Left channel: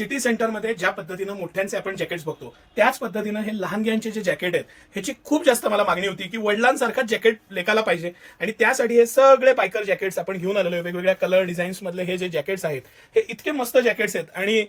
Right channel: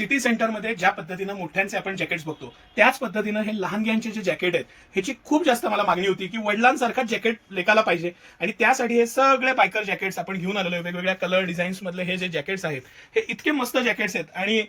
City सेंटरमध्ये ज्या पद्धतीनं मोठ्यांचे आपण जॅकेट्स बघतो त्याच पद्धतीनं हे लहानग्यांचे जे जॅकेट आहेत ह्याची खूप जास्त मला मागणी होती की वडिलांसारखा जॅकेट लेकाला पाहिजे आणि त्यासाठी हे सगळे बायकर जॅकेट्स आपण घेऊन आलेलो आहे. वेगवेगळ्या कलर डिझाईन्स मधले हे जे जॅकेट्स आहेत हे इतके मस्त जॅकेट्स आहेत आणि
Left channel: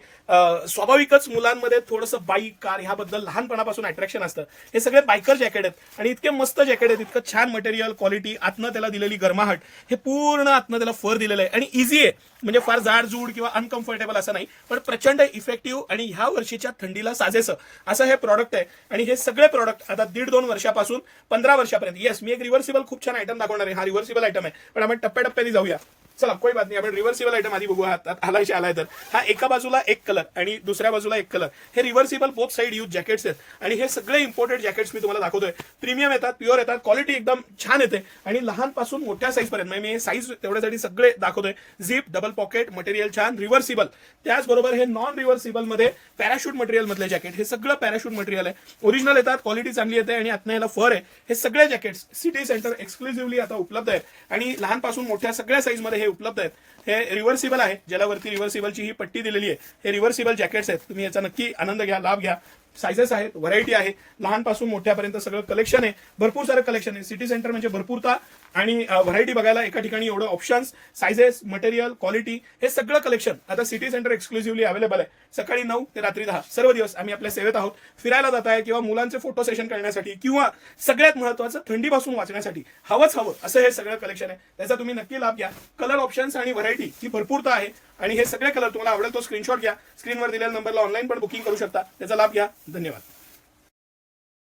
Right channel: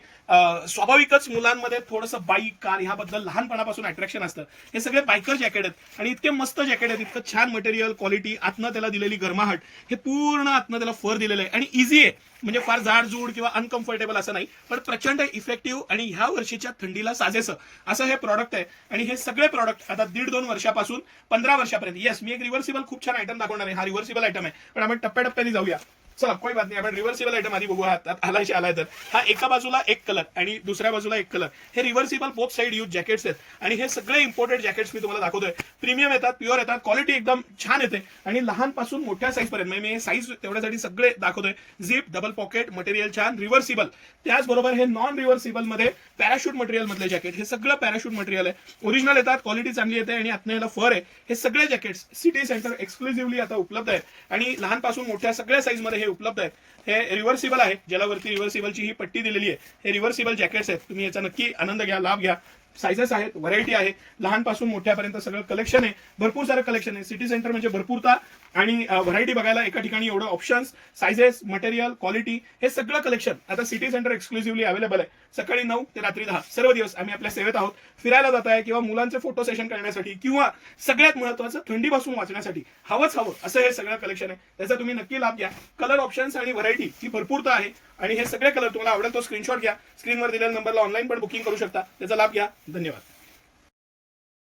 स्वाभाविकच मुलांमध्ये थोडंसं बाईक कार ह्याबद्दल लहानपणापासून अट्रॅक्शन असतं. हे सगळे बायकर जॅकेट आहेत आणि इतके मस्त जॅकेट आहेत, इतकं छान मटेरियल क्वालिटी, आतनं त्याला दिलेली गरमाहट, हे पूर्ण आतनं त्याला फर दिलेलं आहे आणि इझी आहे. म्हणजे फार जाडजूड किंवा अनकम्फर्टेबल असं नाही, पण प्रचंड इफेक्टिव्ह आणि ह्या वर्षीच्या थंडीला साजेसं असं हे प्रॉडक्ट आहे. आणि हे सगळे प्रॉडक्ट आता 1.5-2 वर्षापासून 15 वर्षापर्यंत. येस, मी एक रिव्हर्सिबल खूप छान आयटम दाखवणार आहे. हा रिव्हर्सिबल आयटम आहे, पण आपण टप्प्याटप्प्याने जाऊया. चला, कोई बात नाही, आपण रिव्हर्सिबल आयटम आधी बघू. आलाय तर हा एका बाजूला एक कलर आणि दुसऱ्या बाजूला एक कलर, हे reversible both side use jackets आहेत आणि हे सगळे इम्पोर्टेड जॅकेट्स मी तुम्हाला दाखवतोय. प्रीमियम येतात, प्युअर येतात, क्वालिटी एकदम छान येते आणि लहानपासून मोठ्या साईज पर्यंत. मी साईज तेवढ्यासाठी सगळे दाखवतोय. झिप, डबल पॉकेट, मटेरियल छान, रिव्हर्सिबल. त्याचबरोबर हे नॉन रिव्हर्सिबल मध्ये पॅराशूट मटेरियल मधले जॅकेट, हे सगळं पॅराशूट मटेरियल आहे. ओरिजिनल येतात, क्वालिटी चांगली येते आणि आतनं याला फर आहे. हे सगळे जॅकेट्स सिटी सेंटर एक्सक्लुझिव्हली आता उपलब्ध आहेत आणि लहानपासून मोठ्या सगळ्या साईज मध्ये हे उपलब्ध आहेत. हे रिव्हर्सिबल आहे, ज्याला वरती रिव्हर्सिबलची ही पट्टी दिलेली आहे. हे रिव्हर्सिबल जॅकेट्स आहेत, तुम्ही याचा नक्की आनंद घ्या, लाभ घ्या. सायझेस आहेत, व्हरायटी आहे, लहानपासून मोठ्यापर्यंत सगळं कलेक्शन आहे. भरपूर सारं कलेक्शन आहे. सिटी सेंटर म्हणजे भरपूरता आणि व्हरायटी बघायला एका ठिकाणी एवढं ऑप्शन्स, सायझेस, मटेरियल, क्वालिटी, हे सगळं कलेक्शन आता सिटी सेंटर एक्सक्लुझिव्हली अवेलेबल आहे. सकाळी 9 ते रात्री 10 सर्व दिवस आम्ही आपल्या सेवेत आहोत. फिरायला जात आहे किंवा मुलांचे फोटो सेशन करण्यासाठी किंवा सगळ्यात महत्त्वाचं थंडीपासून वाचण्यासाठी हवं असं हे सगळं कलेक्शन आहे. त्याचा तुम्ही नक्की लाभ घ्या. कलर ऑप्शन्स आणि व्हरायटी ही भरपूरता आहे आणि हे सगळे कलर तुम्हाला आवडेल तो स्क्रीनशॉट घ्या. स्क्रीनवर दिलेल्या नंबरला ऑनलाईन पण बुकिंग करू शकता. त्याचा लाभ घ्या. धन्यवाद.